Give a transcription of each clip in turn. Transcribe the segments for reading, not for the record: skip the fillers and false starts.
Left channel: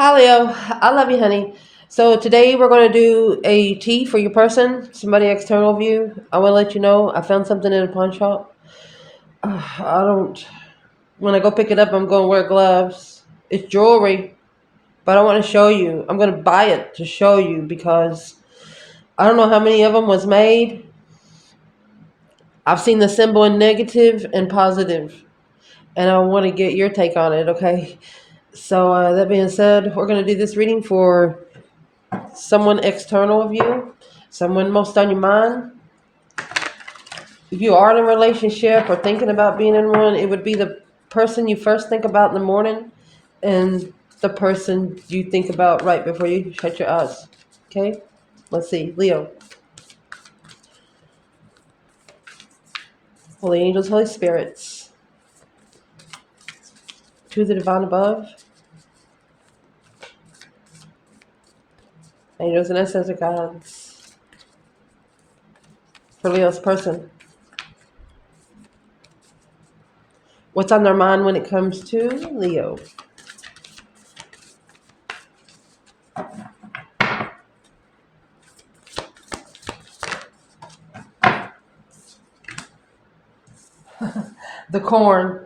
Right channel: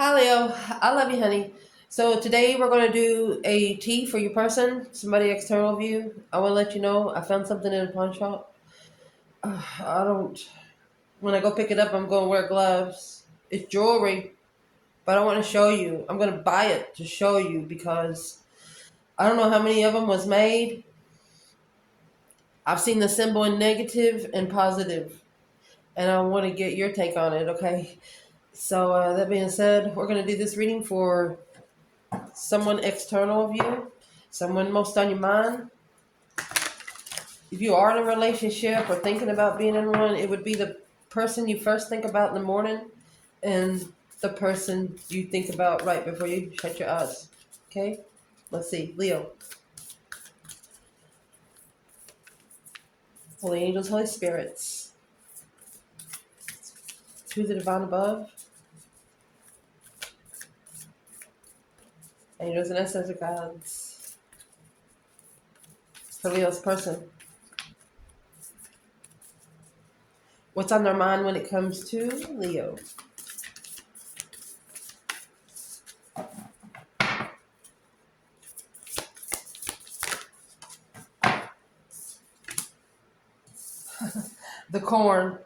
Hi, Leo. I love you, honey. So today we're going to do a tea for your person, somebody external view. I want to let you know I found something in a pawn shop. I don't. When I go pick it up, I'm going to wear gloves. It's jewelry, but I want to show you. I'm going to buy it to show you because I don't know how many of them was made. I've seen the symbol in negative and positive, and I want to get your take on it. Okay. So that being said, we're going to do this reading for someone external of you, someone most on your mind. If you are in a relationship or thinking about being in one, it would be the person you first think about in the morning and the person you think about right before you shut your eyes. Okay? Let's see. Leo. Holy angels, holy spirits. To the divine above. Angels and ancestor gods. For Leo's person. What's on their mind when it comes to Leo? The corn.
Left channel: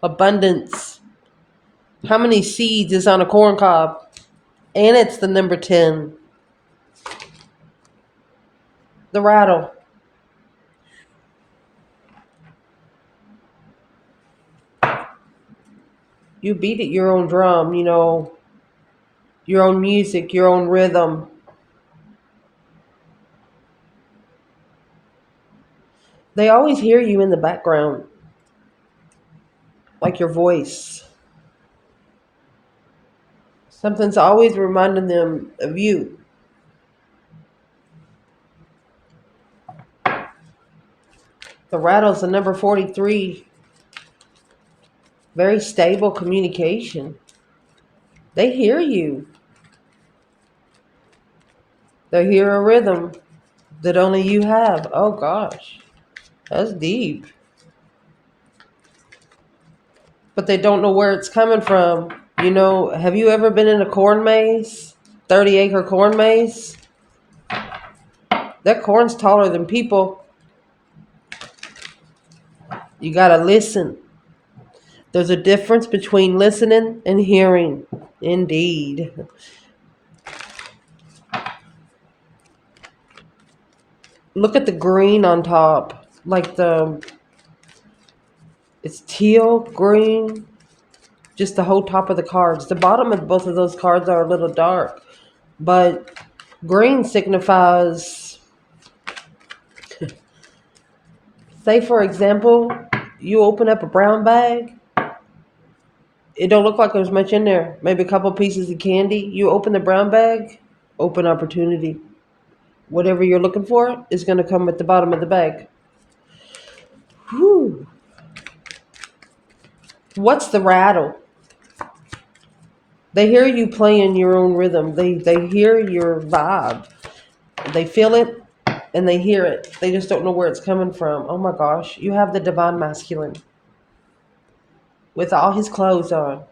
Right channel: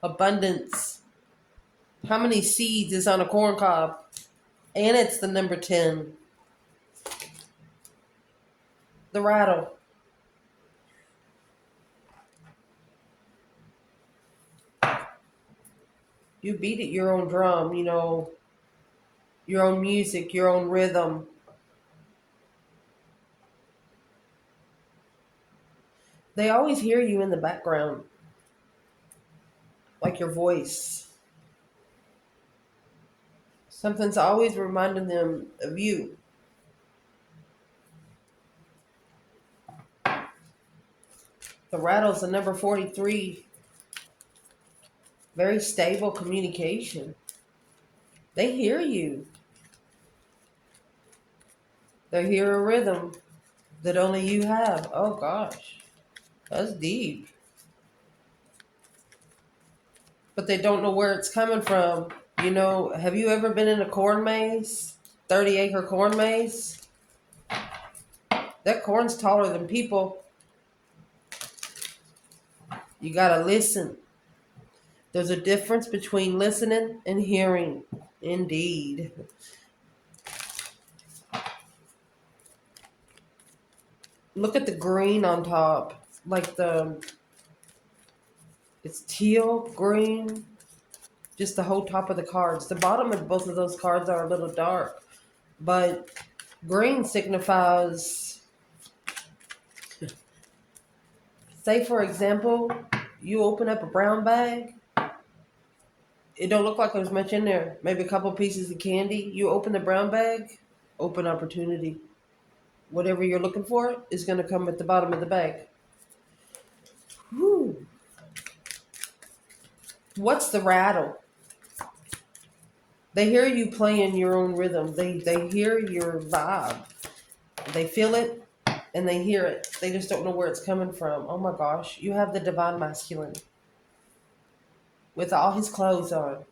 Abundance. How many seeds is on a corn cob? And it's the number 10. The rattle. You beat it your own drum, your own music, your own rhythm. They always hear you in the background, like your voice. Something's always reminding them of you. The rattle's the number 43. Very stable communication. They hear you. They hear a rhythm that only you have. Oh gosh, that's deep. But they don't know where it's coming from. Have you ever been in a corn maze? 30-acre corn maze? That corn's taller than people. You gotta listen. There's a difference between listening and hearing. Indeed. Look at the green on top. It's teal, green, just the whole top of the cards. The bottom of both of those cards are a little dark, but green signifies, say for example, you open up a brown bag. It don't look like there's much in there. Maybe a couple pieces of candy. You open the brown bag, open opportunity. Whatever you're looking for is going to come at the bottom of the bag. Whew. What's the rattle? They hear you playing your own rhythm. They hear your vibe. They feel it and they hear it. They just don't know where it's coming from. Oh my gosh. You have the divine masculine with all his clothes on.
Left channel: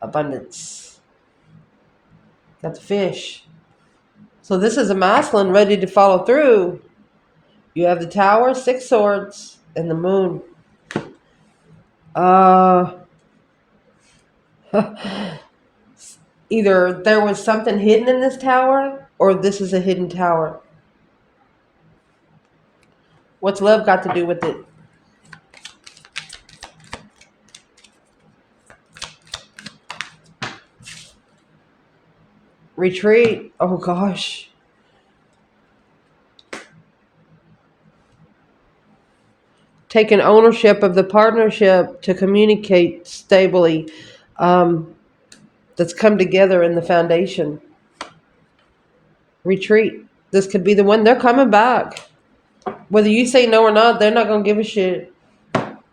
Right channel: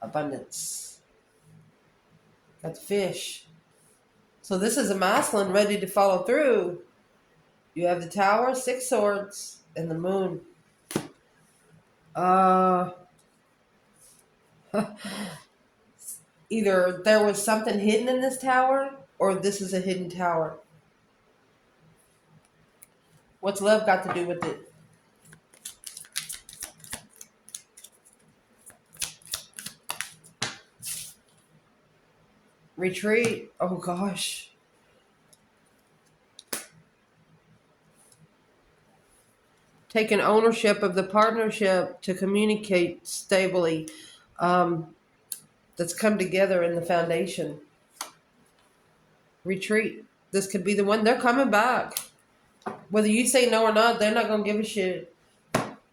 Abundance. Got the fish. So this is a masculine ready to follow through. You have the tower, 6 swords, and the moon. Uh Either there was something hidden in this tower or this is a hidden tower. What's love got to do with it? Retreat. Oh gosh. Taking ownership of the partnership to communicate stably. That's come together in the foundation. Retreat. This could be the one. They're coming back. Whether you say no or not, they're not going to give a shit.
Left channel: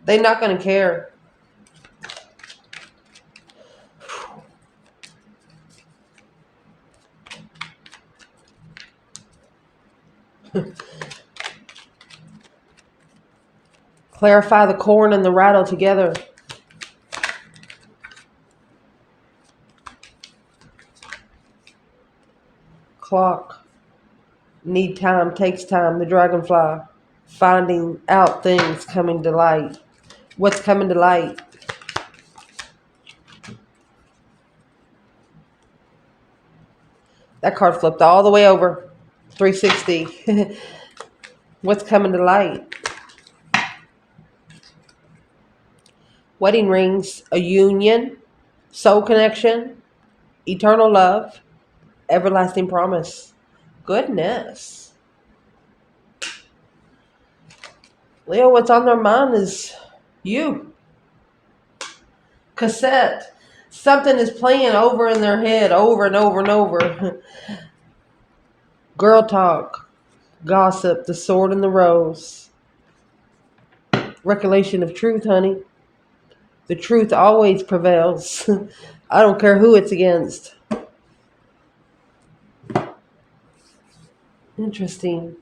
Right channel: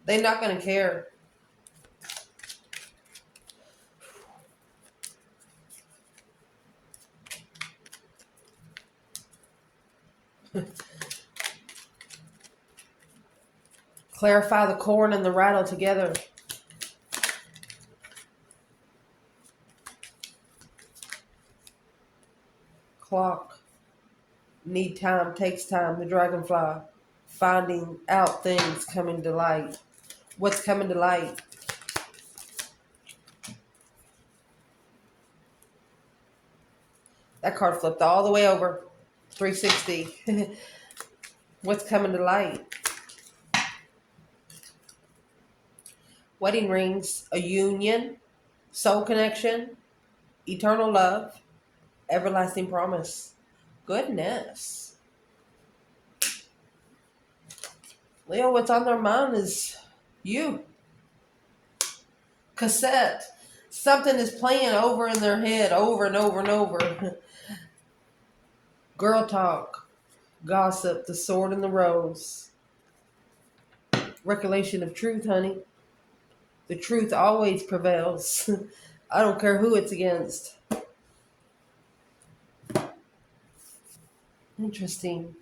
They're not going to care. Clarify the corn and the rattle together. Clock. Need time, takes time. The dragonfly. Finding out things coming to light. What's coming to light? That card flipped all the way over. 360. What's coming to light? Wedding rings, a union, soul connection, eternal love, everlasting promise. Goodness. Leo, what's on their mind is you. Cassette. Something is playing over in their head over and over and over. Girl talk, gossip, the sword and the rose. Recollection of truth, honey. The truth always prevails. I don't care who it's against. Interesting.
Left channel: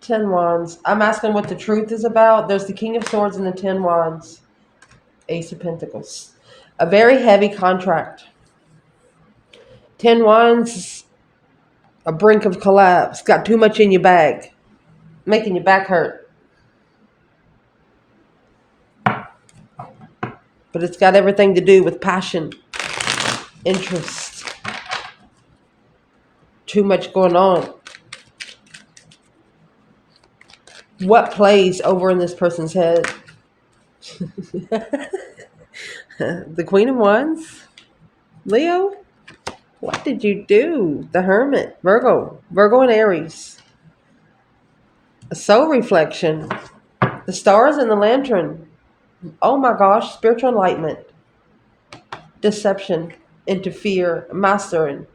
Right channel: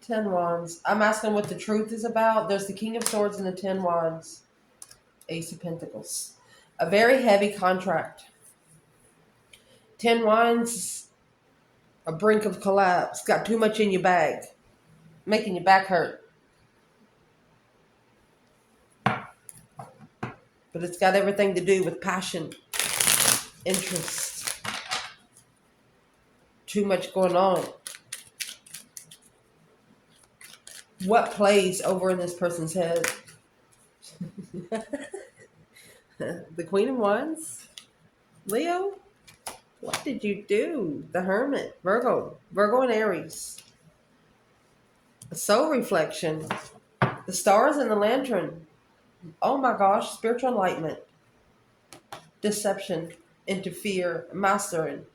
10 wands. I'm asking what the truth is about. There's the King of Swords and the 10 wands. Ace of Pentacles. A very heavy contract. 10 wands, a brink of collapse. Got too much in your bag. Making your back hurt. But it's got everything to do with passion, interest. Too much going on. What plays over in this person's head? The Queen of Wands? Leo? What did you do? The Hermit. Virgo. Virgo and Aries. A soul reflection. The stars and the lantern. Oh my gosh. Spiritual enlightenment. Deception. Interfere. Mastering.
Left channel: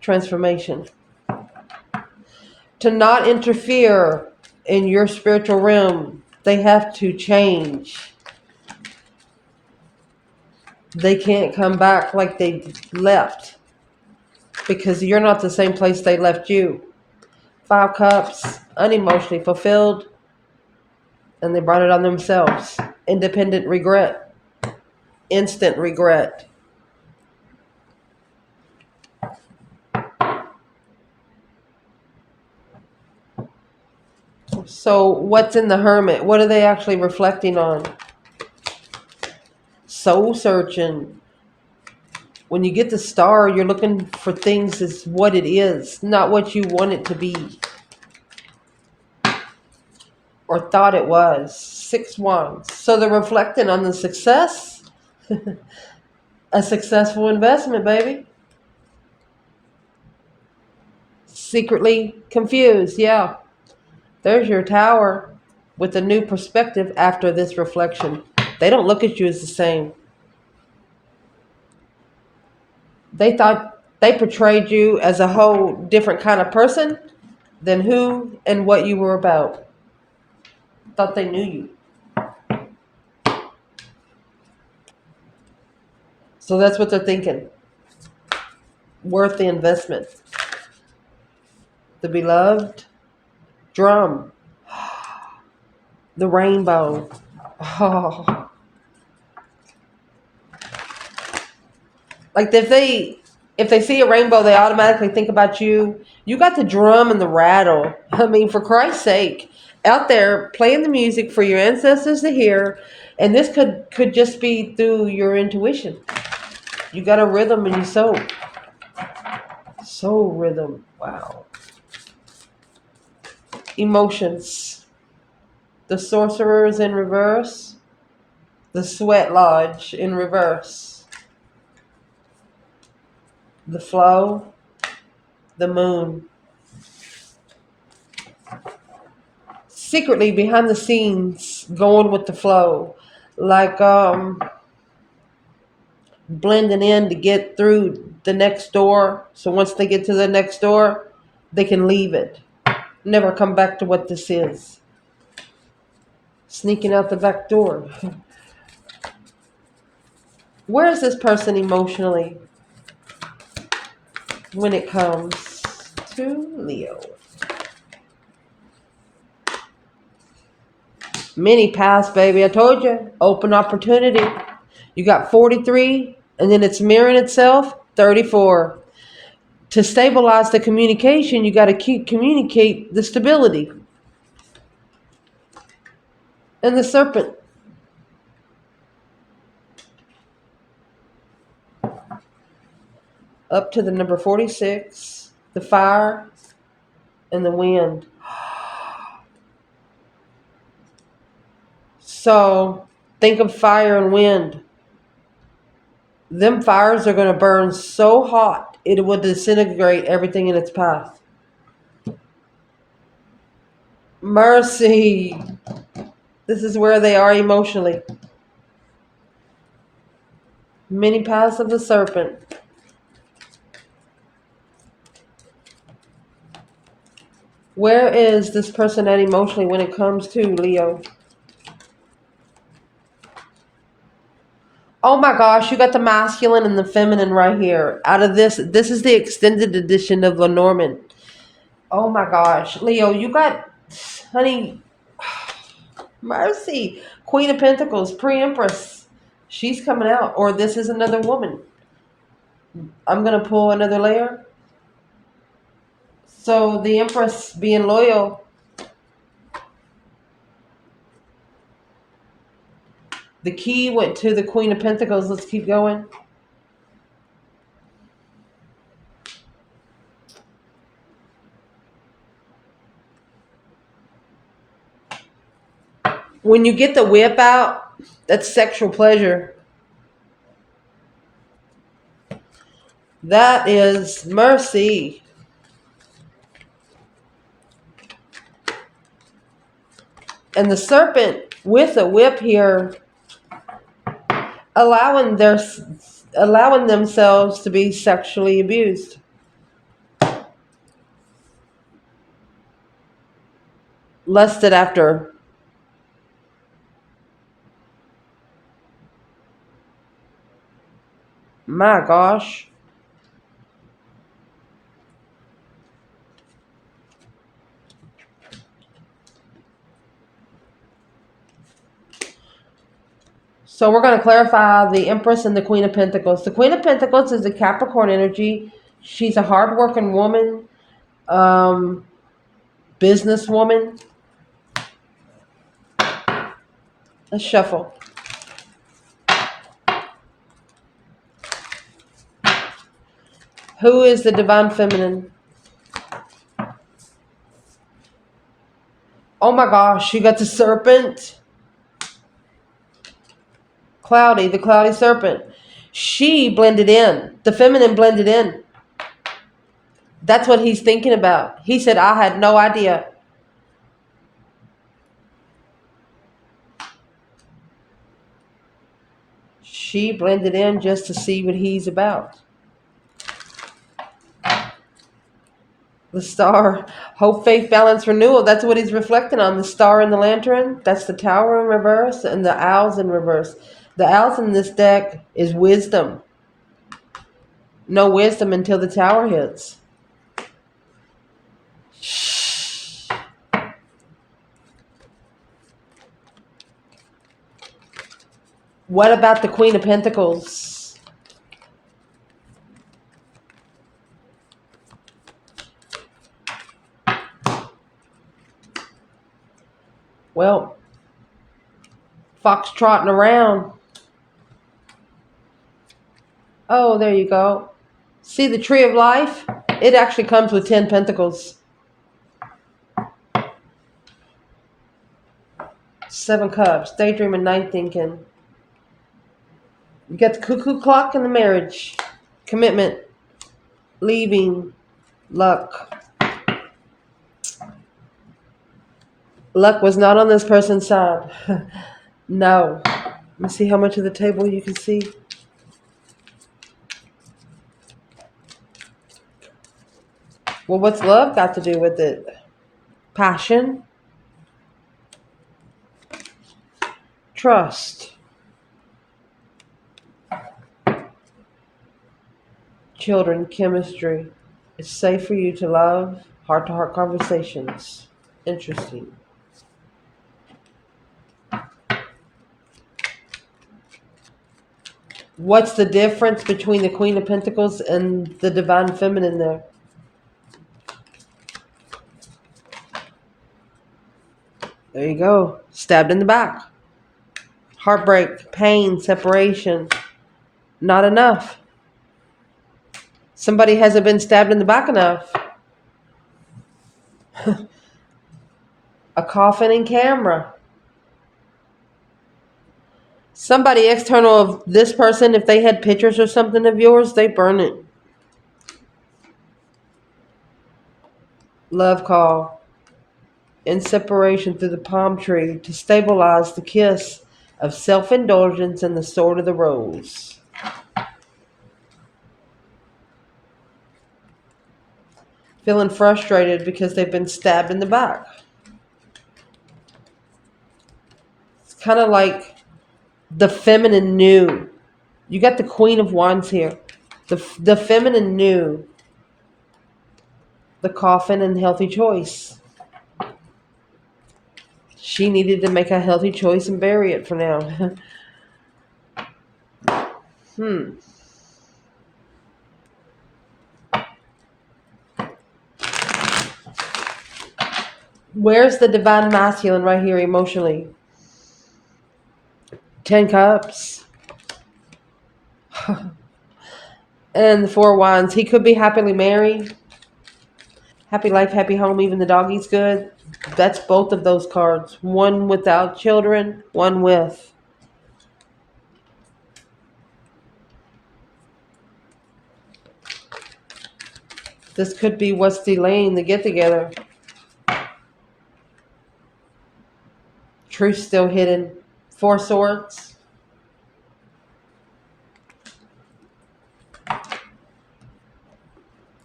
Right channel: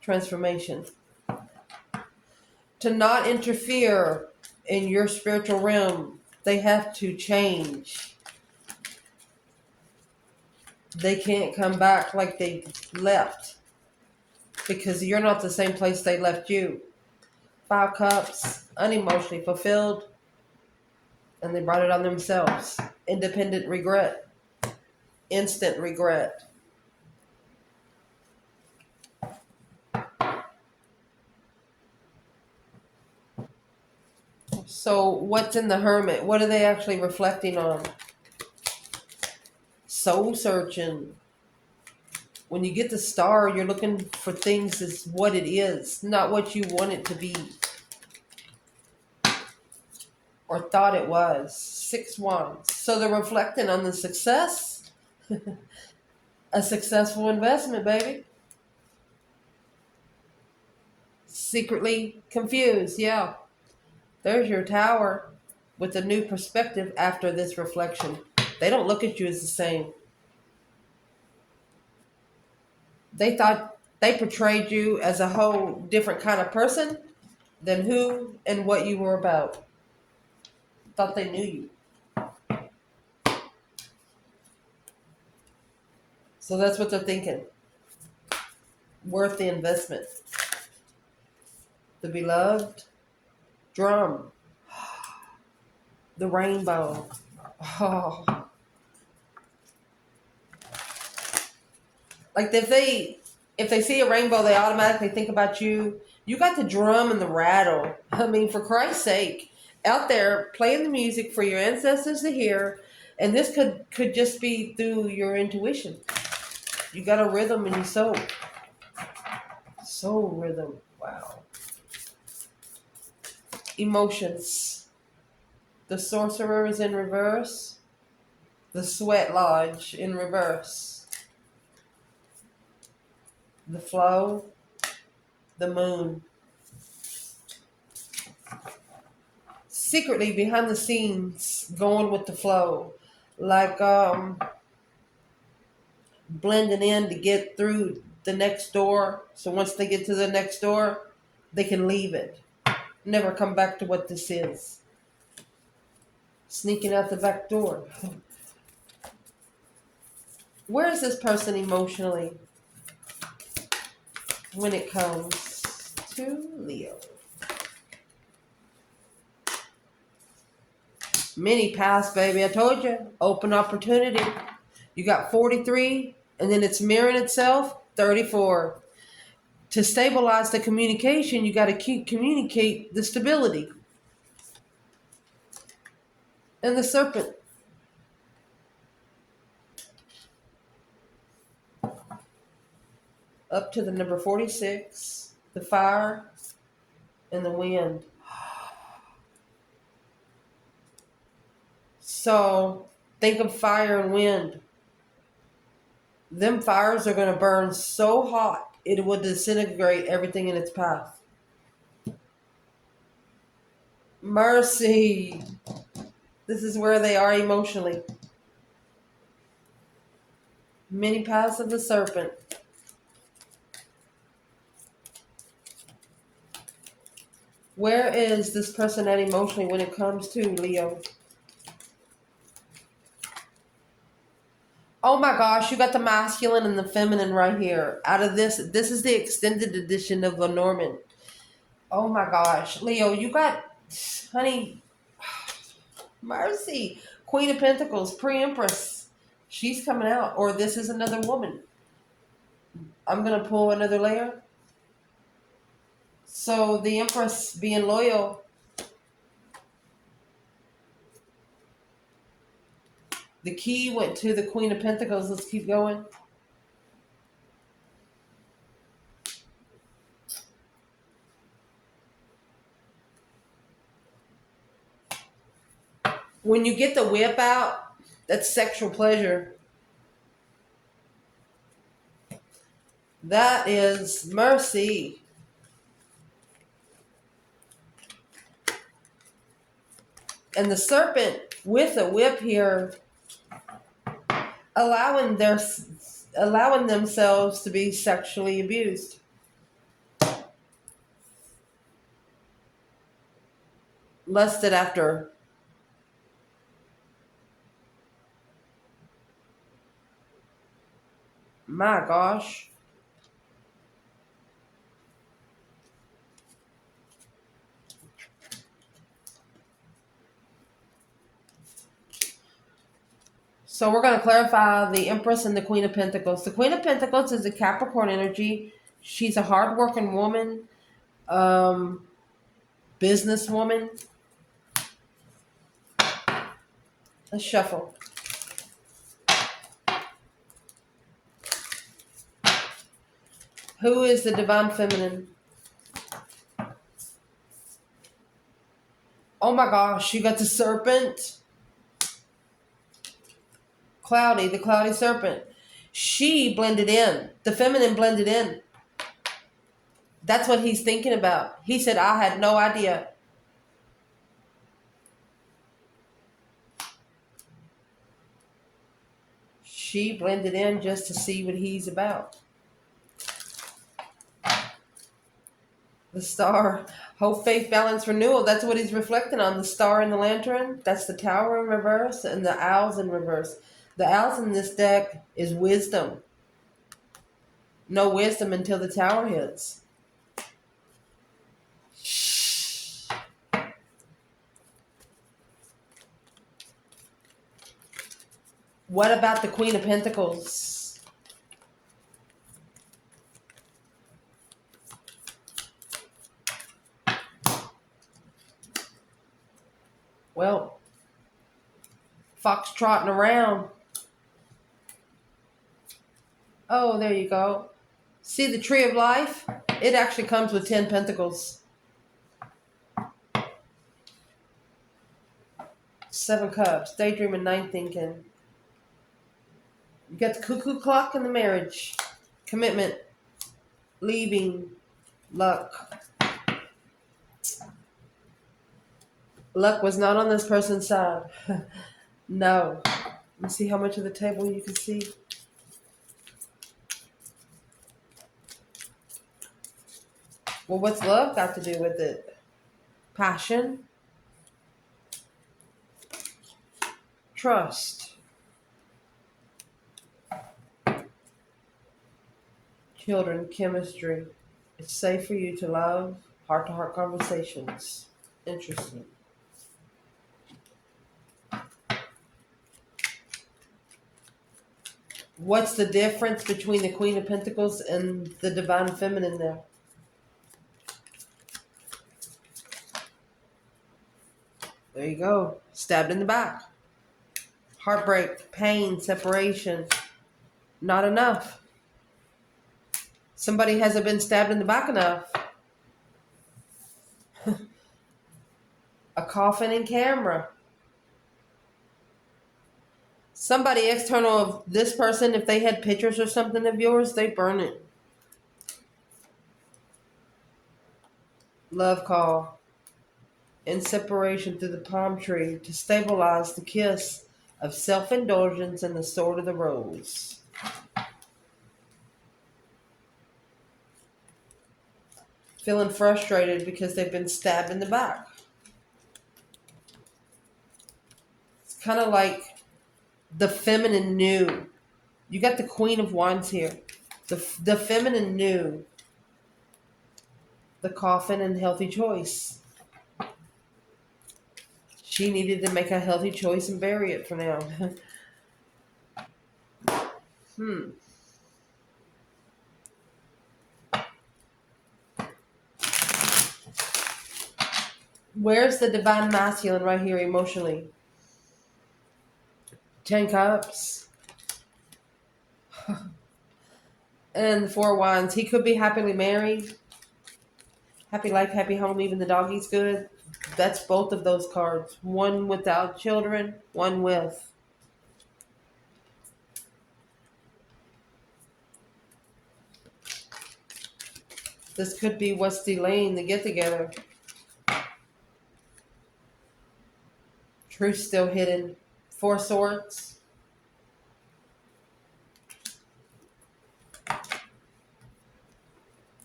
Transformation. To not interfere in your spiritual realm, they have to change. They can't come back like they left because you're not the same place they left you. 5 cups, unemotionally fulfilled, and they brought it on themselves. Independent regret, instant regret. So what's in the Hermit? What are they actually reflecting on? Soul searching. When you get the Star, you're looking for things as what it is, not what you want it to be or thought it was. 6 wands. So they're reflecting on the success. A successful investment, baby. Secretly confused, yeah. There's your Tower with a new perspective after this reflection. They don't look at you as the same. They thought they portrayed you as a whole different kind of person than who and what you were about. Thought they knew you. So that's what they're thinking. Worth the investment. The beloved drum. The rainbow. Oh. Like if they see a rainbow, they automatically think about you. You got the drum and the rattle. I mean, for Christ's sake, out there playing the music for your ancestors to hear, and this could just be through your intuition. You got a rhythm in your soul. Soul rhythm. Wow. Emotions. The Sorcerer is in reverse. The Sweat Lodge in reverse. The Flow. The Moon. Secretly behind the scenes, going with the flow. Like blending in to get through the next door. So once they get to the next door, they can leave it. Never come back to what this is. Sneaking out the back door. Where is this person emotionally when it comes to Leo? Many paths, baby. I told you. Open opportunity. You got 43 And then it's mirroring itself, 34. To stabilize the communication, you got to communicate the stability. And the serpent, up to the number 46, the fire and the wind. So think of fire and wind. Them fires are going to burn so hot it will disintegrate everything in its path. Mercy. This is where they are emotionally. Many paths of the serpent. Where is this person at emotionally when it comes to Leo? Oh my gosh, you got the masculine and the feminine right here. Out of this is the extended edition of Lenormand. Oh my gosh, Leo, you got, honey, mercy. Queen of Pentacles, pre-empress. She's coming out. Or this is another woman. I'm going to pull another layer. So the empress being loyal. The key went to the Queen of Pentacles. Let's keep going. When you get the whip out, that's sexual pleasure. That is mercy. And the serpent with a whip here, allowing themselves to be sexually abused. Lusted after. My gosh. So we're going to clarify the Empress and the Queen of Pentacles. The Queen of Pentacles is a Capricorn energy. She's a hardworking woman, businesswoman. Let's shuffle. Who is the Divine Feminine? Oh my gosh, you got the Serpent. Cloudy, the cloudy serpent. She blended in. The feminine blended in. That's what he's thinking about. He said, I had no idea. She blended in just to see what he's about. The star, hope, faith, balance, renewal. That's what he's reflecting on. The star and the lantern. That's the tower in reverse and the owls in reverse. The owls in this deck is wisdom. No wisdom until the tower hits. What about the Queen of Pentacles? Well, fox trotting around. Oh, there you go. See the tree of life? It actually comes with 10 pentacles. 7 cups. Daydreaming, night thinking. You got the cuckoo clock and the marriage. Commitment. Leaving. Luck. Luck was not on this person's side. No. Let me see how much of the table you can see. Well, what's love got to do with it? Passion. Trust. Children, chemistry. It's safe for you to love. Heart-to-heart conversations. Interesting. What's the difference between the Queen of Pentacles and the Divine Feminine there? There you go. Stabbed in the back. Heartbreak, pain, separation. Not enough. Somebody hasn't been stabbed in the back enough. A coffin and camera. Somebody external of this person, if they had pictures or something of yours, they burn it. Love call. In separation through the palm tree to stabilize the kiss of self-indulgence and the sword of the rose. Feeling frustrated because they've been stabbed in the back. It's kind of like the feminine knew. You got the Queen of Wands here. The feminine knew the coffin and healthy choice. She needed to make a healthy choice and bury it for now. Where's the divine masculine right here emotionally? 10 cups. And the 4 wands. He could be happily married. Happy life, happy home, even the doggy's good. That's both of those cards. One without children, one with. This could be what's delaying the get together. Truth still hidden. 4 swords.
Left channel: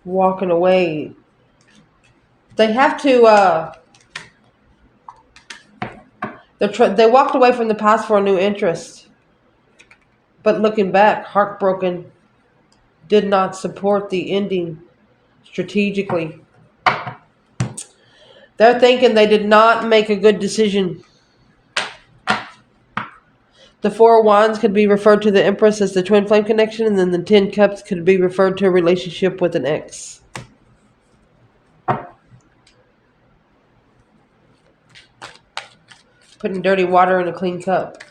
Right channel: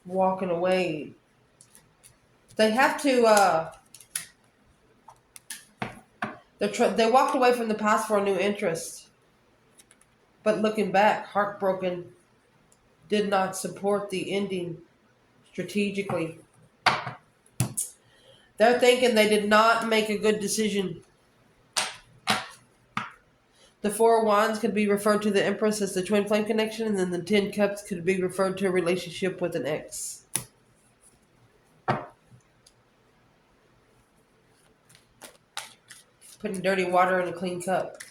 Walking away. They have to, they walked away from the past for a new interest. But looking back, heartbroken, did not support the ending strategically. They're thinking they did not make a good decision. The 4 wands could be referred to the Empress as the twin flame connection, and then the 10 cups could be referred to a relationship with an ex. Putting dirty water in a clean cup.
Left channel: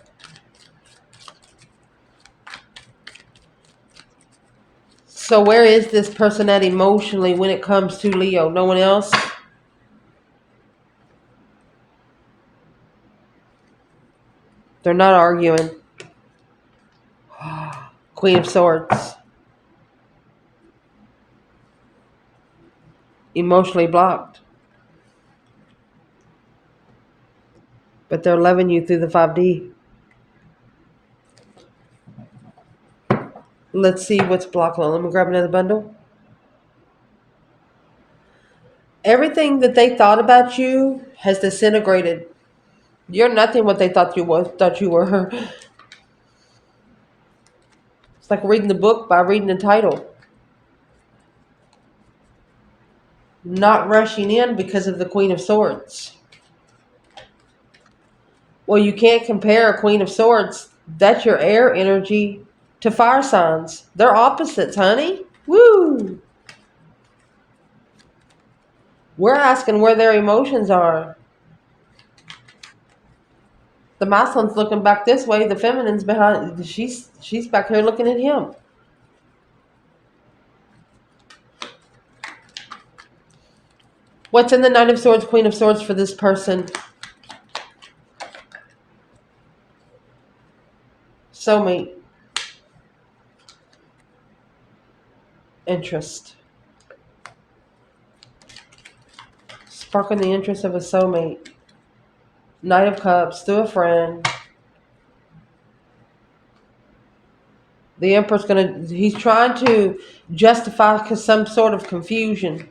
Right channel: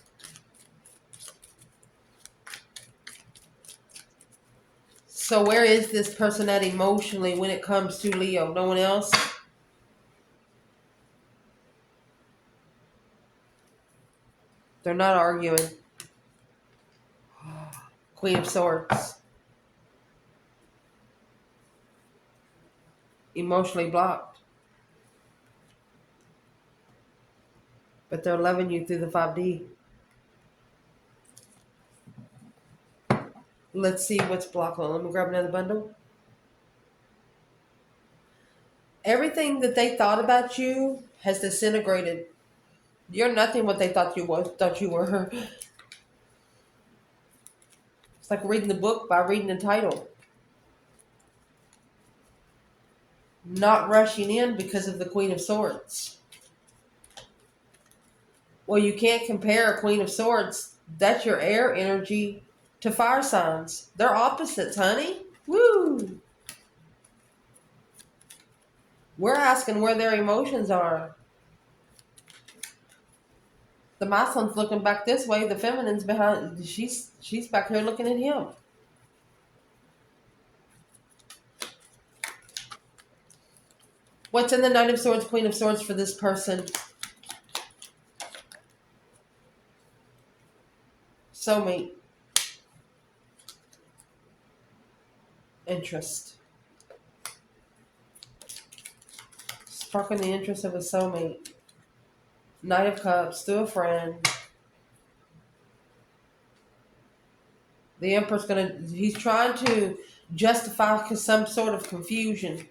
So where is this person at emotionally when it comes to Leo? No one else? They're not arguing. Queen of Swords. Emotionally blocked. But they're loving you through the 5D. Let's see what's blocking. Let me grab another bundle. Everything that they thought about you has disintegrated. You're nothing what they thought you were. It's like reading the book by reading the title. Not rushing in because of the Queen of Swords. Well, you can't compare a Queen of Swords. That's your air energy to fire signs. They're opposites, honey. Woo! We're asking where their emotions are. The masculine's looking back this way. The feminine's behind. She's back here looking at him. What's in the Knight of Swords, Queen of Swords for this person? Soulmate. Interest. Sparking the interest of a soulmate. Knight of Cups, through a friend. The Emperor's he's trying to justify some sort of confusion.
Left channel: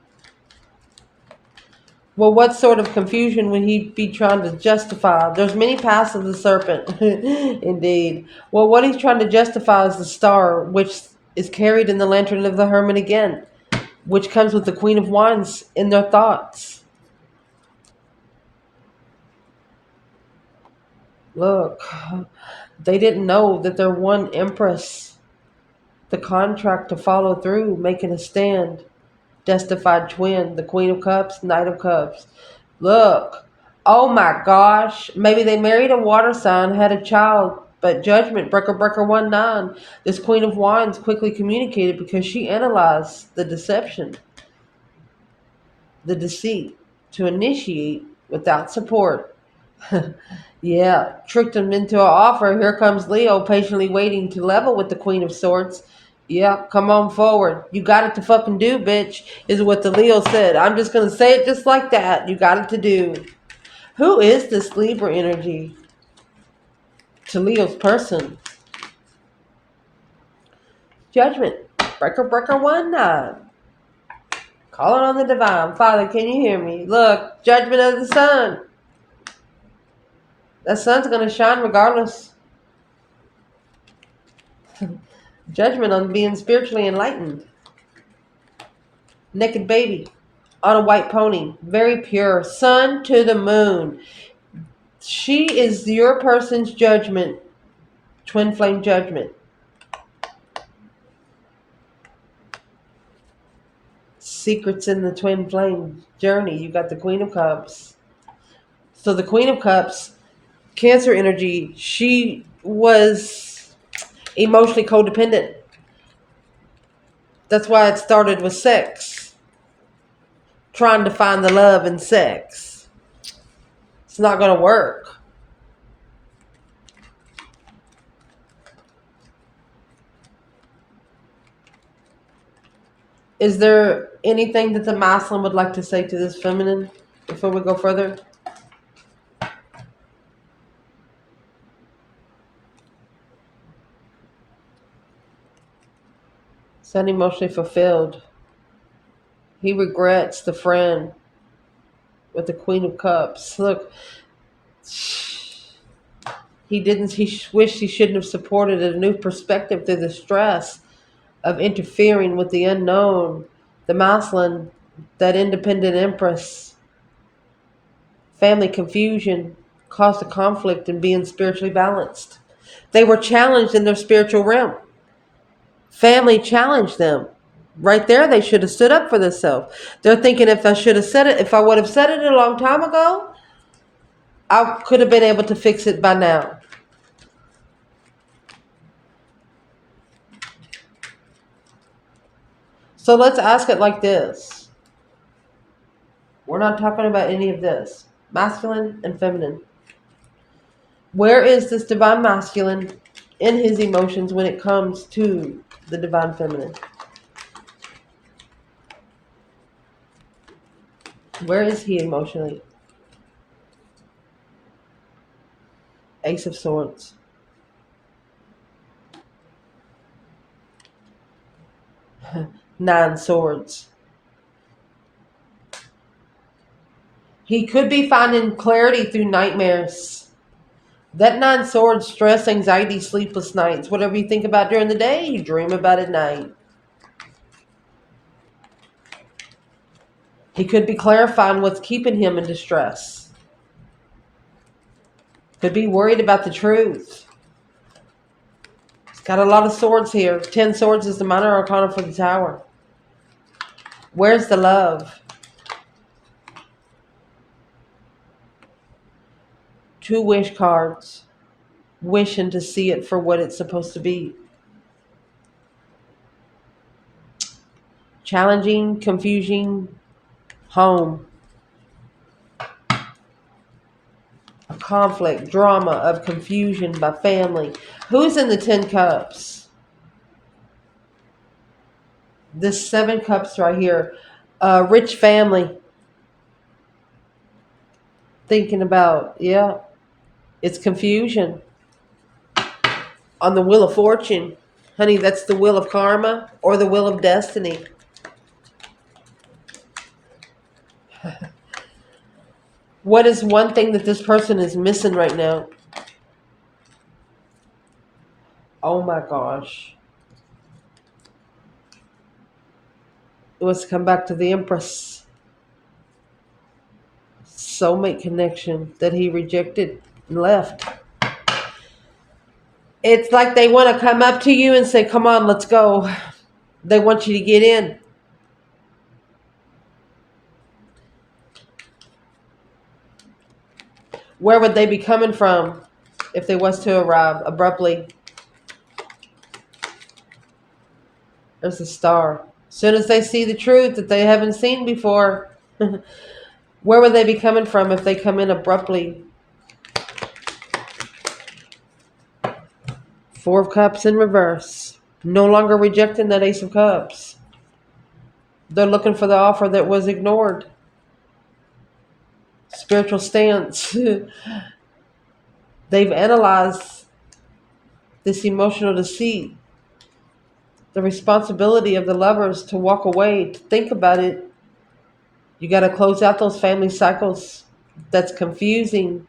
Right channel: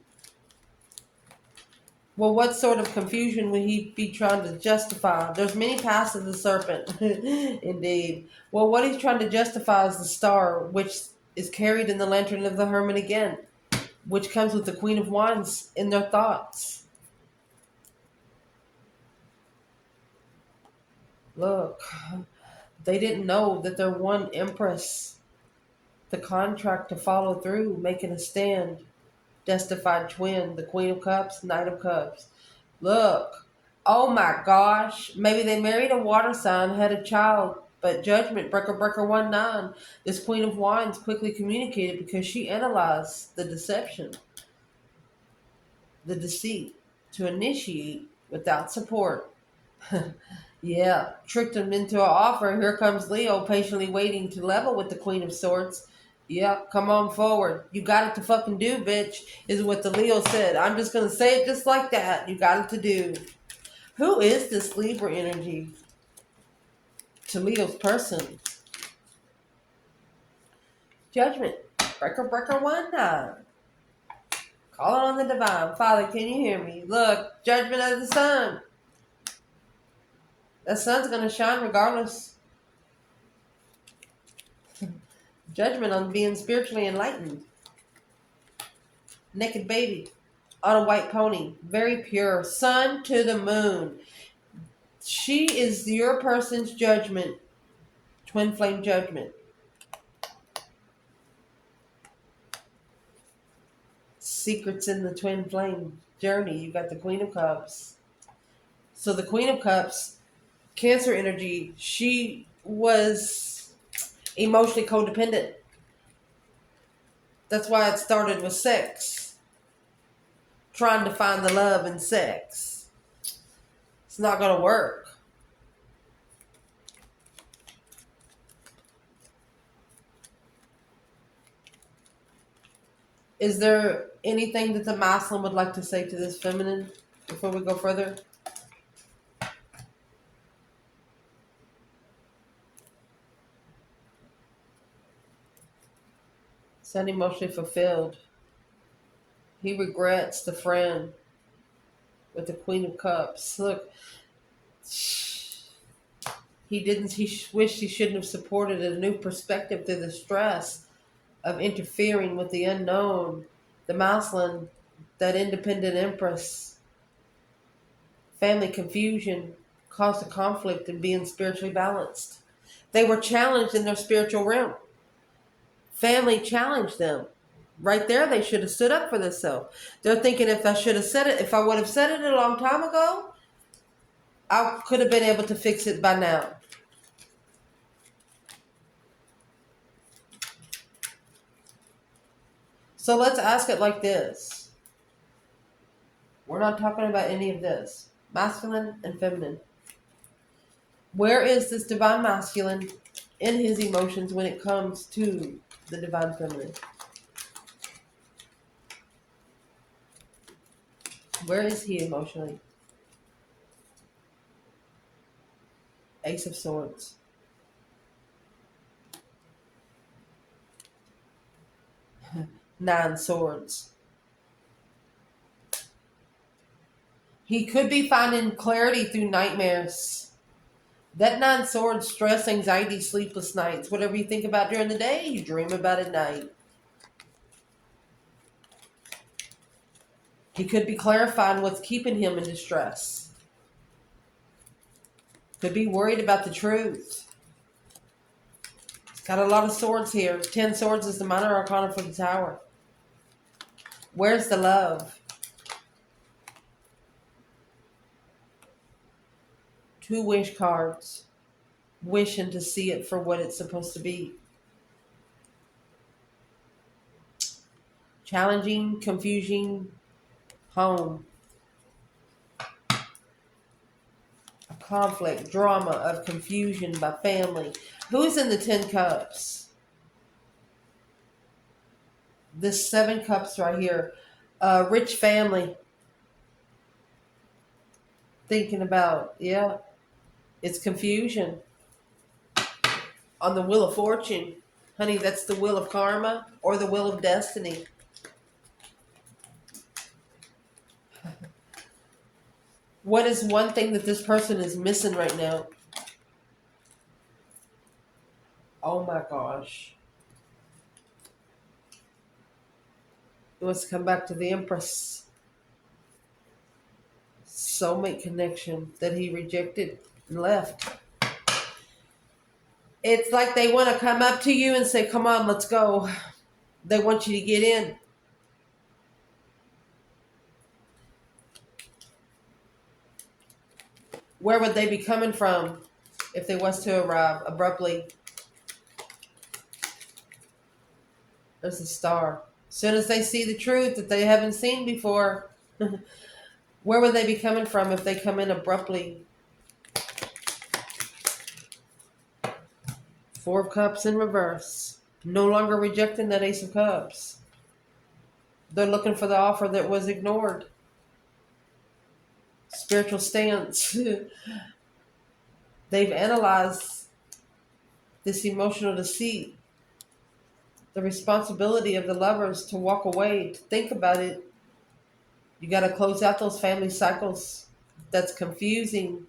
Well, what sort of confusion would he be trying to justify? There's many paths of the serpent. Indeed. Well, what he's trying to justify is the star, which is carried in the lantern of the hermit again, which comes with the Queen of Wands in their thoughts. Look, they didn't know that they're one empress. The contract to follow through, making a stand. Justified twin, the Queen of Cups, Knight of Cups. Look, oh my gosh, maybe they married a water sign, had a child, but judgment, breaker 1-9. This Queen of Wands quickly communicated because she analyzed the deception, the deceit, to initiate without support. Yeah, tricked him into an offer. Here comes Leo, patiently waiting to level with the Queen of Swords. Yeah, come on forward. You got it to fucking do, bitch, is what the Leo said. I'm just going to say it just like that. You got it to do. Who is this Libra energy to Leo's person? Judgment. Breaker 1-9. Calling on the divine. Father, can you hear me? Look, judgment of the sun. That sun's going to shine regardless. Judgment on being spiritually enlightened. Naked baby on a white pony. Very pure. Sun to the moon. She is your person's judgment. Twin flame judgment. Secrets in the twin flame journey. You got the Queen of Cups. So the Queen of Cups, Cancer energy, she was emotionally codependent. That's why it started with sex. Trying to find the love in sex. It's not going to work. Is there anything that the masculine would like to say to this feminine before we go further? It's unemotionally fulfilled. He regrets the friend with the Queen of Cups. Look, he wished he shouldn't have supported a new perspective through the stress of interfering with the unknown. The masculine, that independent empress. Family confusion caused a conflict in being spiritually balanced. They were challenged in their spiritual realm. Family challenged them. Right there, they should have stood up for themselves. They're thinking, if I would have said it a long time ago, I could have been able to fix it by now. So let's ask it like this. We're not talking about any of this. Masculine and feminine. Where is this divine masculine in his emotions when it comes to the divine feminine? Where is he emotionally? Ace of Swords. Nine Swords. He could be finding clarity through nightmares. That Nine Swords, stress, anxiety, sleepless nights. Whatever you think about during the day, you dream about at night. He could be clarifying what's keeping him in distress. Could be worried about the truth. He's got a lot of swords here. 10 swords is the minor arcana for the tower. Where's the love? 2 wish cards. Wishing to see it for what it's supposed to be. Challenging, confusing, home. A conflict, drama of confusion by family. Who's in the 10 cups? This 7 cups right here. Rich family. Thinking about, yeah, it's confusion. On the Wheel of Fortune. Honey, that's the wheel of karma or the wheel of destiny. What is one thing that this person is missing right now? Oh my gosh. It was to come back to the Empress. Soulmate connection that he rejected and left. It's like they want to come up to you and say, come on, let's go. They want you to get in. Where would they be coming from if they was to arrive abruptly? There's a star. As soon as they see the truth that they haven't seen before, where would they be coming from if they come in abruptly? Four of Cups in reverse. No longer rejecting that Ace of Cups. They're looking for the offer that was ignored. Spiritual stance. They've analyzed this emotional deceit, the responsibility of the lovers to walk away, to think about it. You got to close out those family cycles. That's confusing.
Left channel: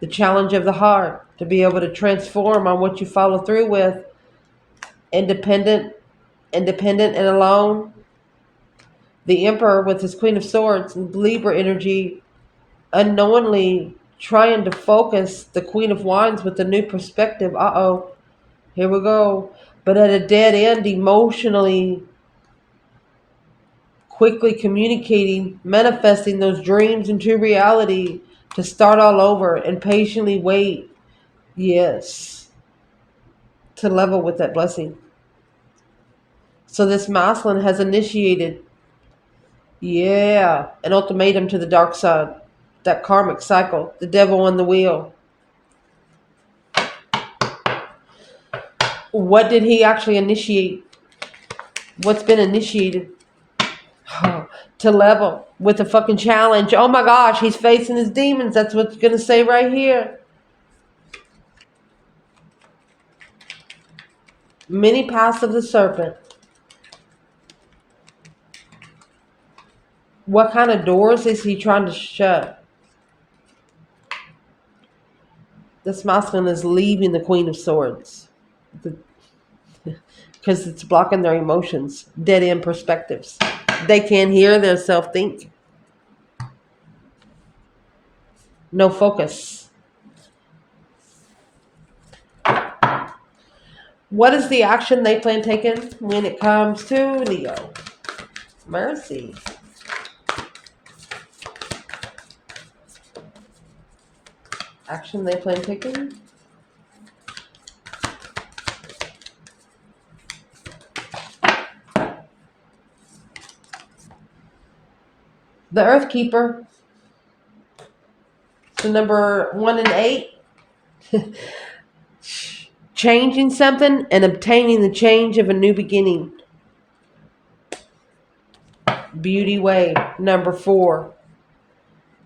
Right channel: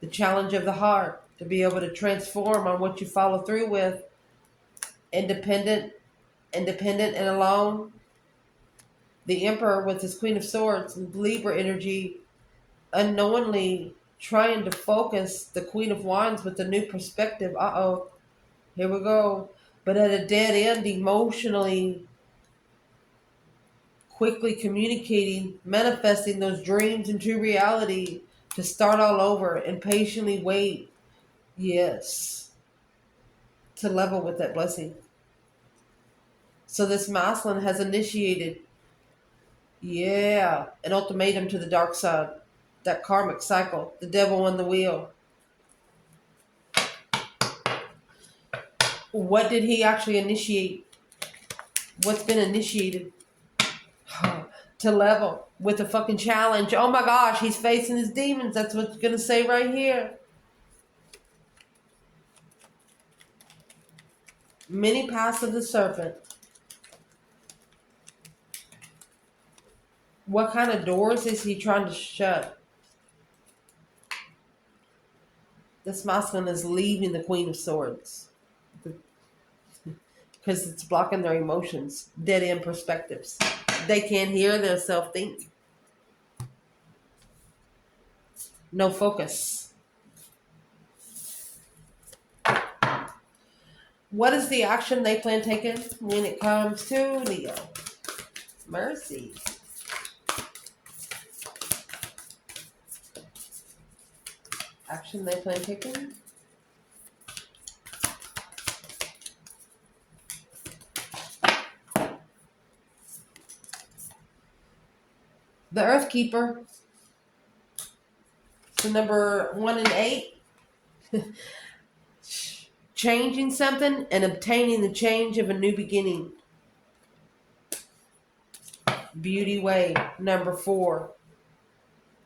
The challenge of the heart to be able to transform on what you follow through with. Independent, independent and alone. The Emperor with his Queen of Swords and Libra energy, unknowingly trying to focus the Queen of Wands with a new perspective. Uh-oh, here we go. But at a dead end emotionally, quickly communicating, manifesting those dreams into reality to start all over and patiently wait. Yes, to level with that blessing. So this masculine has initiated, yeah, an ultimatum to the dark side. That karmic cycle, the devil on the wheel. What did he actually initiate? What's been initiated? To level with a fucking challenge. Oh my gosh, he's facing his demons. That's what's going to say right here. Many paths of the serpent. What kind of doors is he trying to shut? This masculine is leaving the Queen of Swords because it's blocking their emotions, dead end perspectives. They can't hear their self think. No focus. What is the action they plan taking when it comes to Leo? Mercy. Action they plan taking? The Earth Keeper. So number 1 and 8. Changing something and obtaining the change of a new beginning. Beauty Way. Number 4.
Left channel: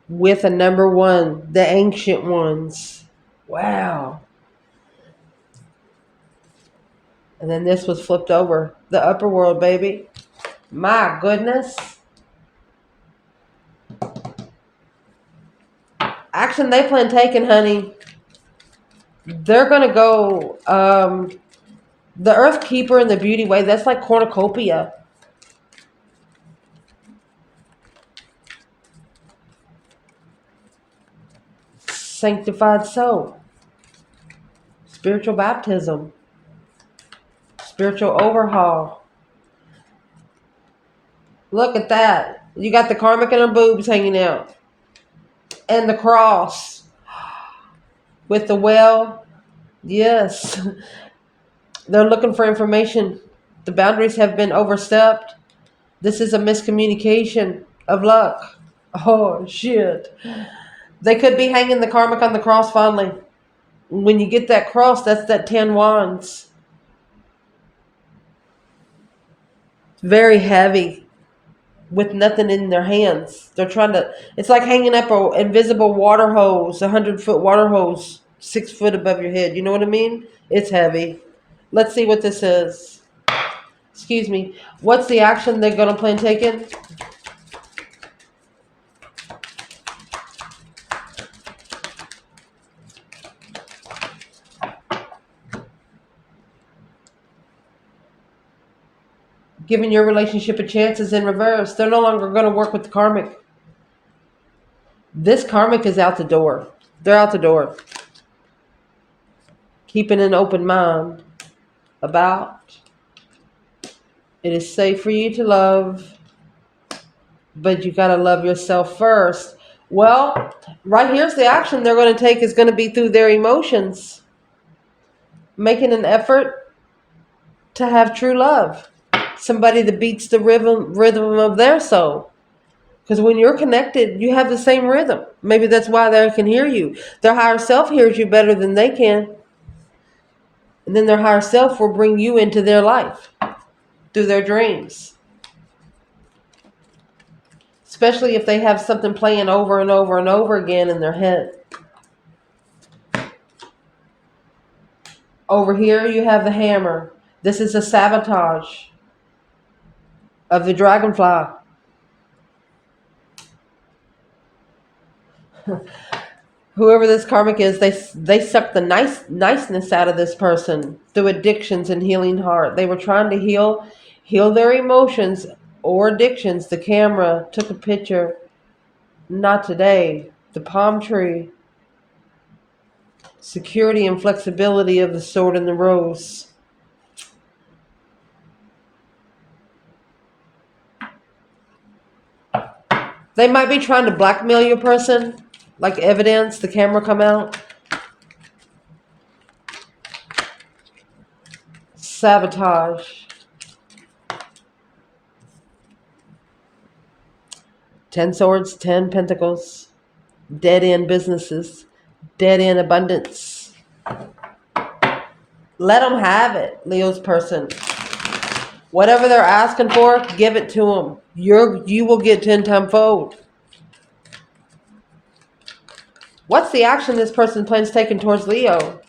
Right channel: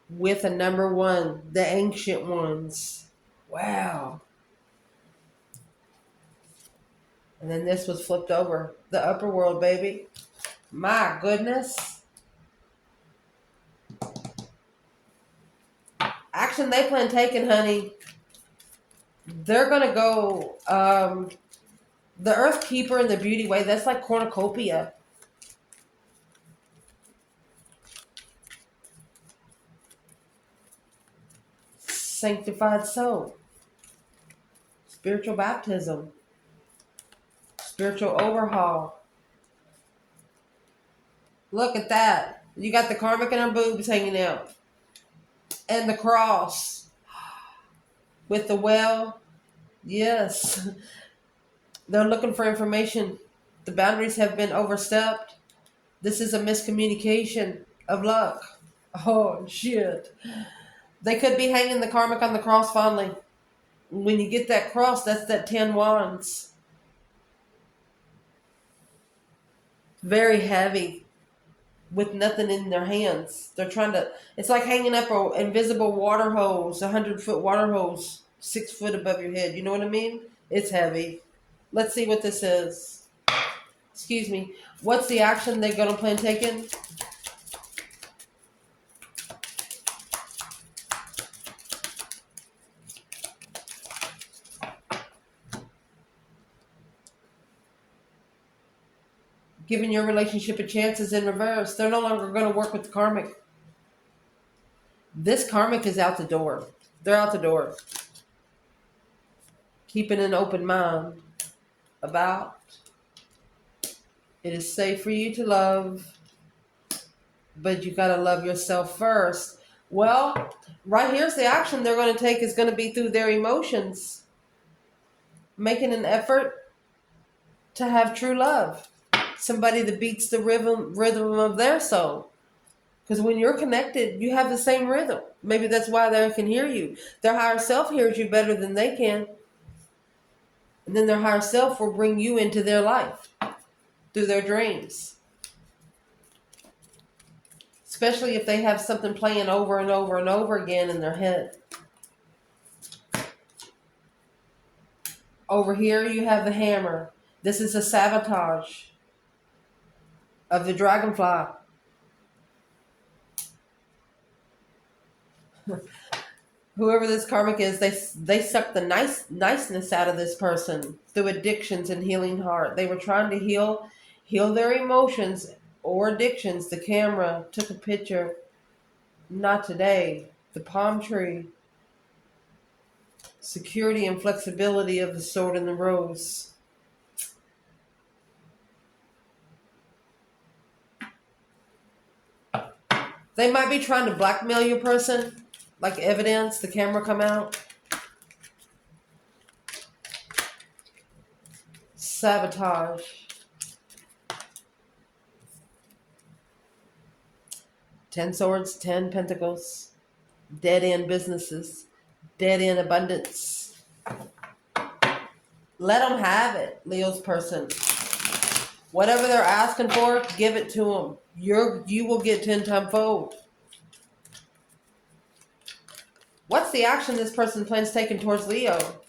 With a number 1. The Ancient Ones. Wow. And then this was flipped over. The Upper World, baby. My goodness. Action they plan taking, honey. They're going to go, the Earth Keeper and the Beauty Way, that's like cornucopia. Sanctified soul. Spiritual baptism. Spiritual overhaul. Look at that. You got the karmic and the boobs hanging out. And the cross. With the well. Yes. They're looking for information. The boundaries have been overstepped. This is a miscommunication of luck. Oh, shit. They could be hanging the karmic on the cross finally. When you get that cross, that's that 10 wands. Very heavy. With nothing in their hands. They're trying to, it's like hanging up an invisible water hose, 100-foot water hose, 6 foot above your head. You know what I mean? It's heavy. Let's see what this is. Excuse me. What's the action they're going to plan taking? Giving your relationship a chance is in reverse. They're no longer going to work with the karmic. This karmic is out the door. They're out the door. keeping an open mind about it is safe for you to love, but you got to love yourself first. Well, right here's the action they're going to take is going to be through their emotions, making an effort to have true love. Somebody that beats the rhythm of their soul. Because when you're connected, you have the same rhythm. Maybe that's why they can hear you. Their higher self hears you better than they can. And then their higher self will bring you into their life through their dreams. Especially if they have something playing over and over and over again in their head. Over here, you have the hammer. This is a sabotage of the dragonfly. Whoever this karmic is, they suck the niceness out of this person through addictions and healing heart. They were trying to heal their emotions or addictions. The camera took a picture. Not today. The palm tree. Security and flexibility of the sword and the rose. They might be trying to blackmail your person, like evidence, the camera come out. Sabotage. Ten swords, 10 pentacles. Dead end businesses. Dead end abundance. Let them have it, Leo's person. Whatever they're asking for, give it to them. You will get 10 times fold. What's the action this person plans taking towards Leo?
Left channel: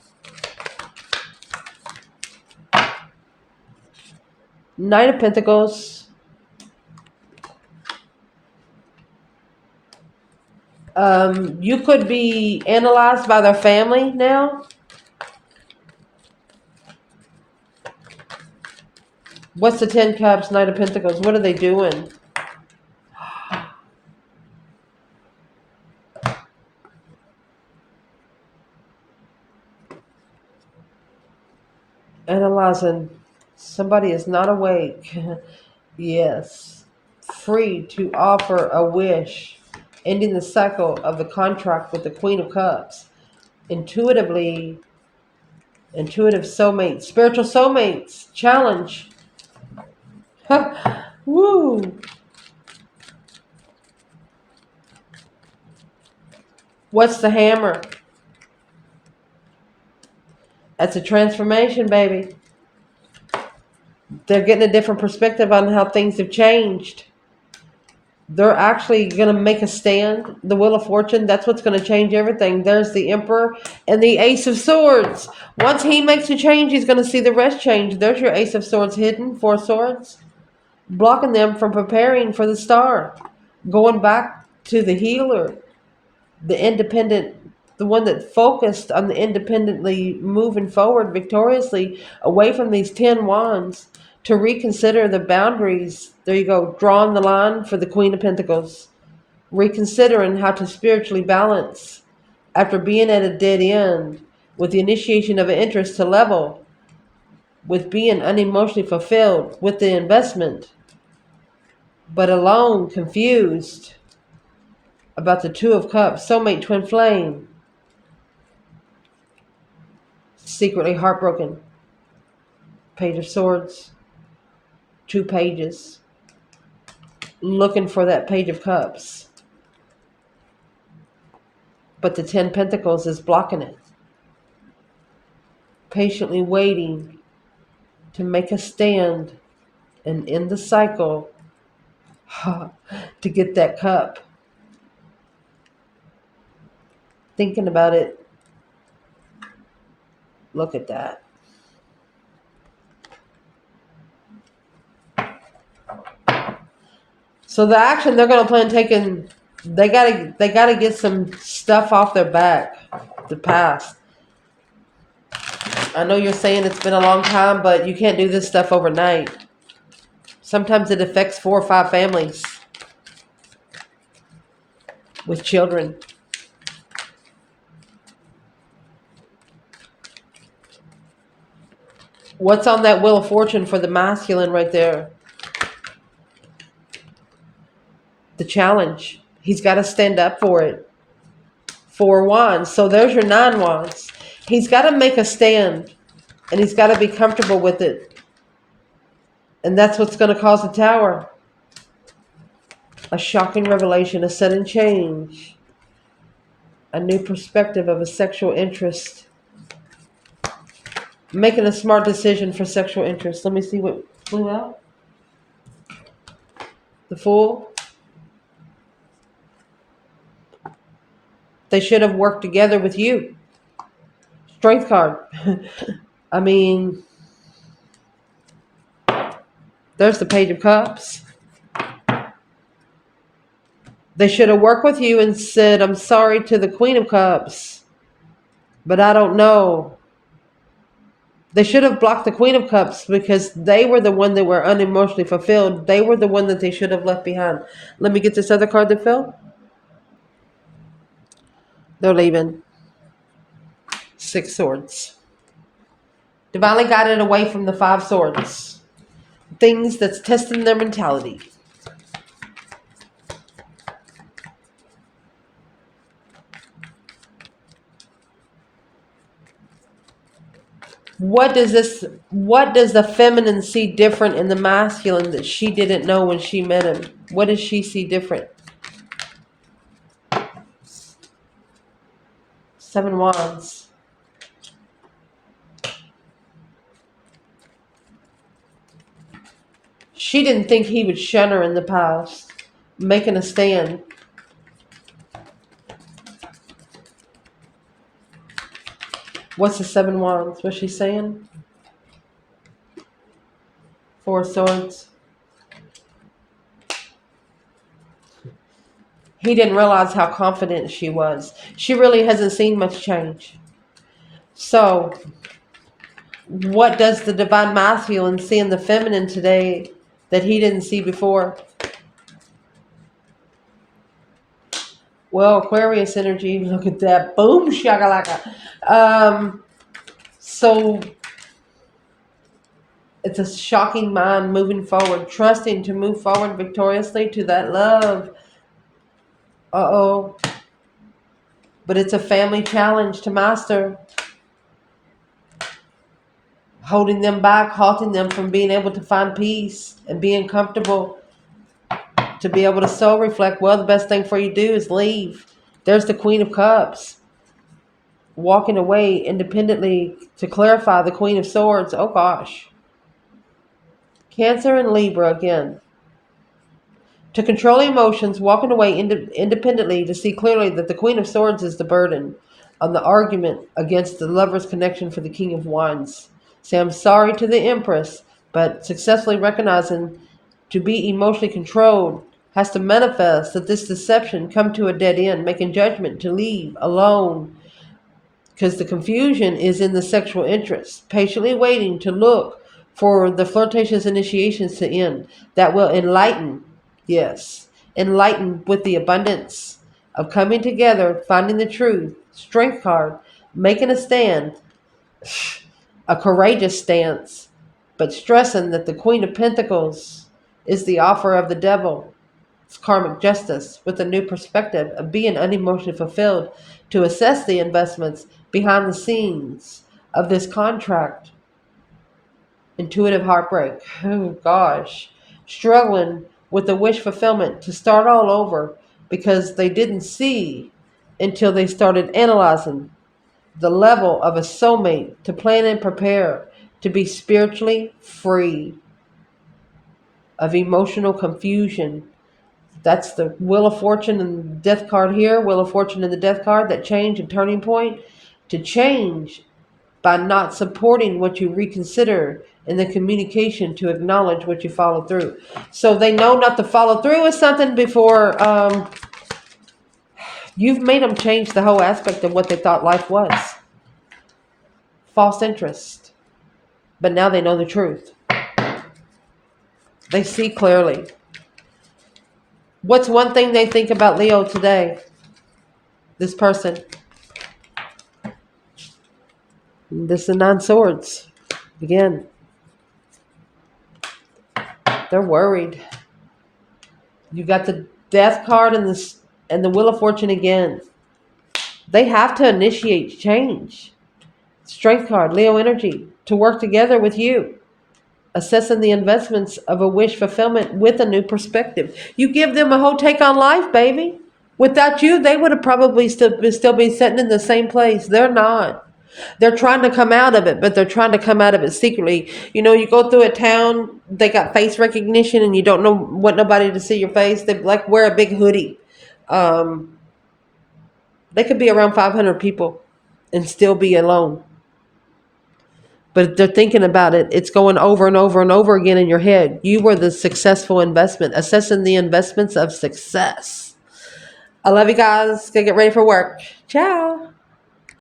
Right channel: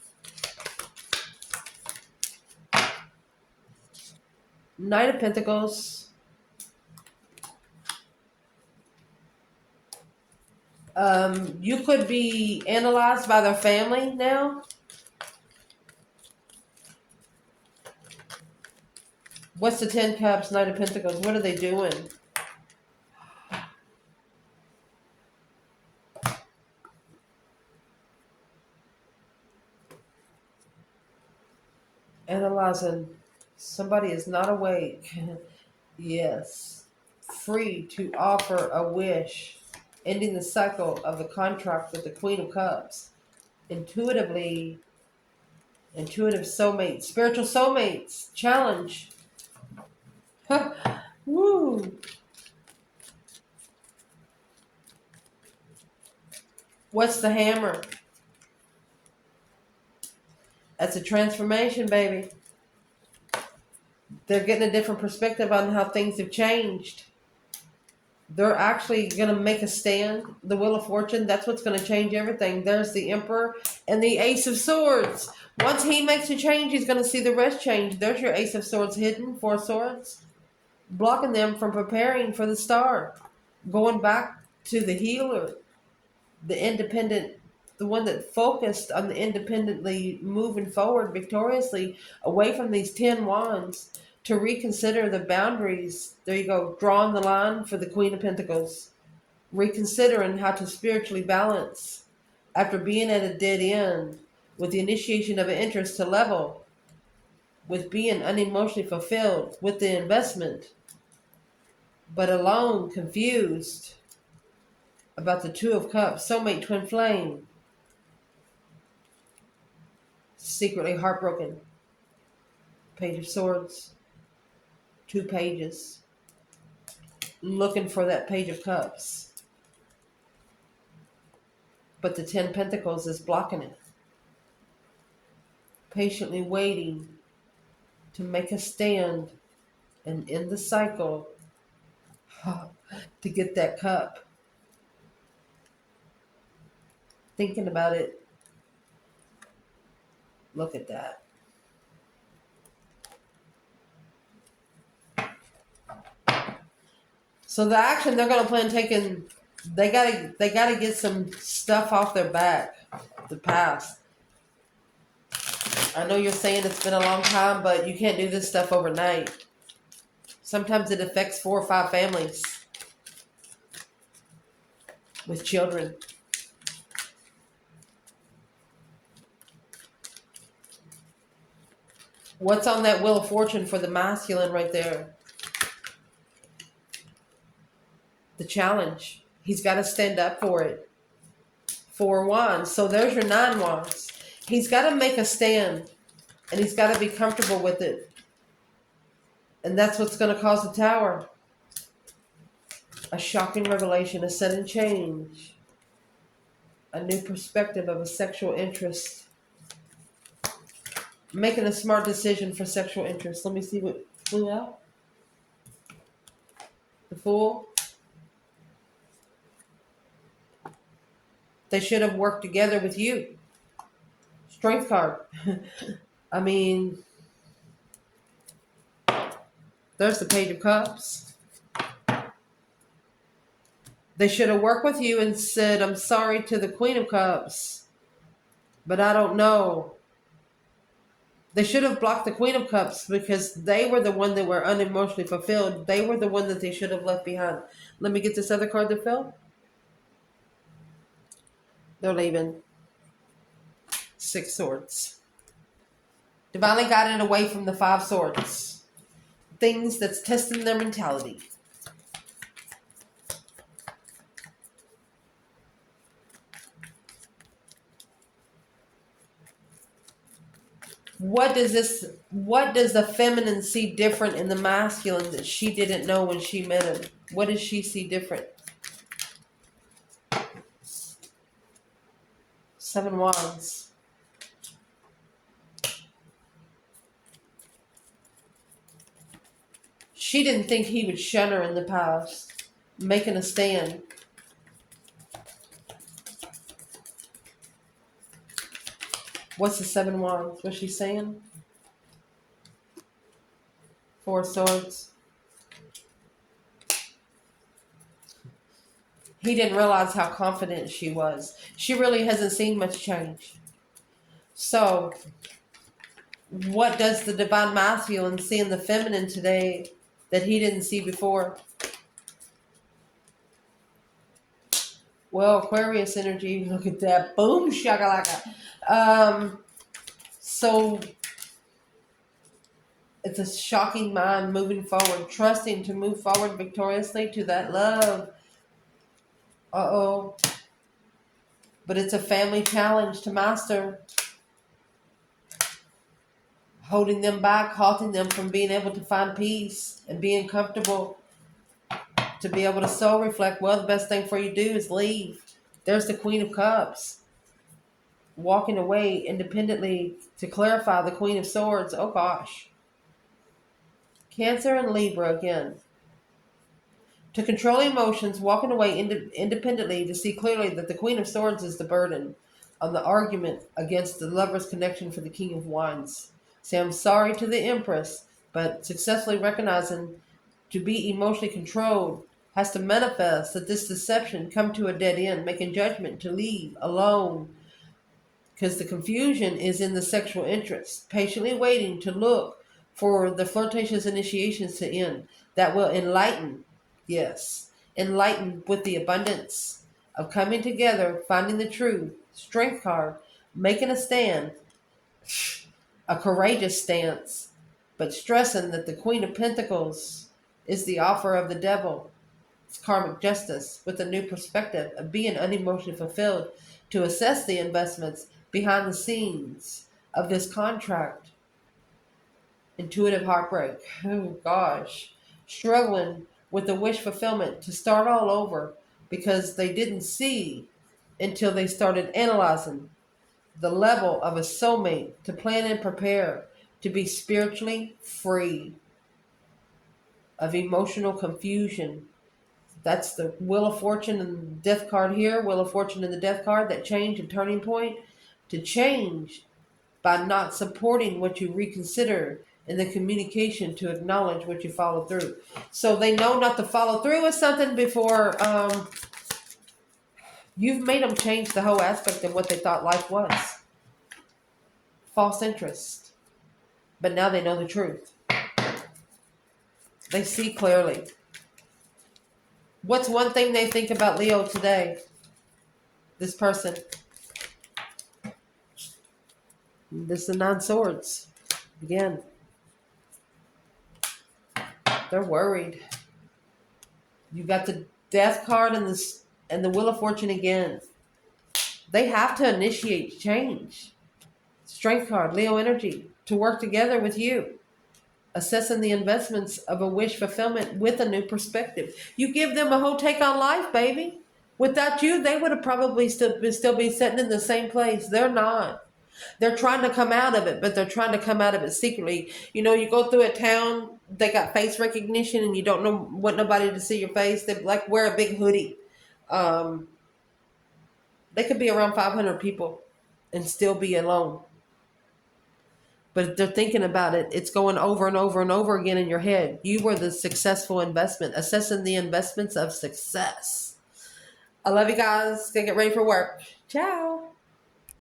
Knight of Pentacles. You could be analyzed by their family now. What's the 10 Cups, Knight of Pentacles? What are they doing? Analyzing. Somebody is not awake. Yes. Free to offer a wish. Ending the cycle of the contract with the Queen of Cups. Intuitive soulmates. Spiritual soulmates. Challenge. Woo. What's the hammer? That's a transformation, baby. They're getting a different perspective on how things have changed. They're actually going to make a stand. The Wheel of Fortune, that's what's going to change everything. There's the Emperor and the Ace of Swords. Once he makes a change, he's going to see the rest change. There's your Ace of Swords hidden, 4 swords. Blocking them from preparing for the star. Going back to the healer. The independent, the one that focused on the independently moving forward victoriously away from these 10 wands to reconsider the boundaries. There you go, drawing the line for the Queen of Pentacles. Reconsidering how to spiritually balance after being at a dead end with the initiation of an interest to level with being unemotionally fulfilled with the investment, but alone, confused about the Two of Cups, soulmate, twin flame. Secretly heartbroken. Page of Swords. 2 pages. Looking for that Page of Cups. But the 10 Pentacles is blocking it. Patiently waiting to make a stand and end the cycle to get that cup. Thinking about it. Look at that. So the action they're going to plan taking, they gotta get some stuff off their back, the past. I know you're saying it's been a long time, but you can't do this stuff overnight. Sometimes it affects 4 or 5 families with children. What's on that Wheel of Fortune for the masculine right there? The challenge. He's got to stand up for it. 4 wands. So there's your 9 wands. He's got to make a stand, and he's got to be comfortable with it. And that's what's going to cause the Tower. A shocking revelation, a sudden change, a new perspective of a sexual interest. Making a smart decision for sexual interest. Let me see what flew out. The Fool. They should have worked together with you. Strength card. I mean, there's the Page of Cups. They should have worked with you and said, I'm sorry to the Queen of Cups, but I don't know. They should have blocked the Queen of Cups because they were the one that were unemotionally fulfilled. They were the one that they should have left behind. Let me get this other card that fell. They're leaving. 6 swords. Divinely guided away from the 5 swords. Things that's testing their mentality. What does the feminine see different in the masculine that she didn't know when she met him? What does she see different? 7 wands. She didn't think he would shun her in the past, making a stand. What's the 7 wands? What's she saying? 4 swords. He didn't realize how confident she was. She really hasn't seen much change. So, what does the divine masculine see in the feminine today that he didn't see before? Well, Aquarius energy, look at that. Boom, shakalaka. So it's a shocking mind moving forward, trusting to move forward victoriously to that love. Uh-oh. But it's a family challenge to master. Holding them back, halting them from being able to find peace and being comfortable. To be able to soul reflect, well, the best thing for you to do is leave. There's the Queen of Cups. Walking away independently to clarify the Queen of Swords. Oh, gosh. Cancer and Libra again. To control emotions, walking away independently to see clearly that the Queen of Swords is the burden on the argument against the lover's connection for the King of Wands. Say, I'm sorry to the Empress, but successfully recognizing to be emotionally controlled has to manifest that this deception come to a dead end, making judgment to leave alone because the confusion is in the sexual interest, patiently waiting to look for the flirtatious initiations to end that will enlighten, yes, enlighten with the abundance of coming together, finding the truth, strength card, making a stand, a courageous stance, but stressing that the Queen of Pentacles is the offer of the devil. It's karmic justice with a new perspective of being unemotionally fulfilled to assess the investments behind the scenes of this contract. Intuitive heartbreak. Oh gosh. Struggling with the wish fulfillment to start all over because they didn't see until they started analyzing the level of a soulmate to plan and prepare to be spiritually free of emotional confusion. That's the Wheel of Fortune and Death card here. Wheel of Fortune and the Death card, that change and turning point. To change by not supporting what you reconsider in the communication to acknowledge what you follow through. So they know not to follow through with something before you've made them change the whole aspect of what they thought life was. False interest. But now they know the truth. They see clearly. What's one thing they think about Leo today? This person. This is the 9 swords. Again, they're worried. You got the death card and the wheel of fortune again. They have to initiate change. Strength card, Leo energy, to work together with you. Assessing the investments of a wish fulfillment with a new perspective. You give them a whole take on life, baby. Without you, they would have probably still be sitting in the same place. They're not. They're trying to come out of it, but they're trying to come out of it secretly. You know, you go through a town, they got face recognition, and you don't know what nobody to see your face. They like wear a big hoodie. Um, they could be around 500 people and still be alone. But they're thinking about it. It's going over and over and over again in your head. You were the successful investment, assessing the investments of success. I love you guys. Gonna get ready for work. Ciao.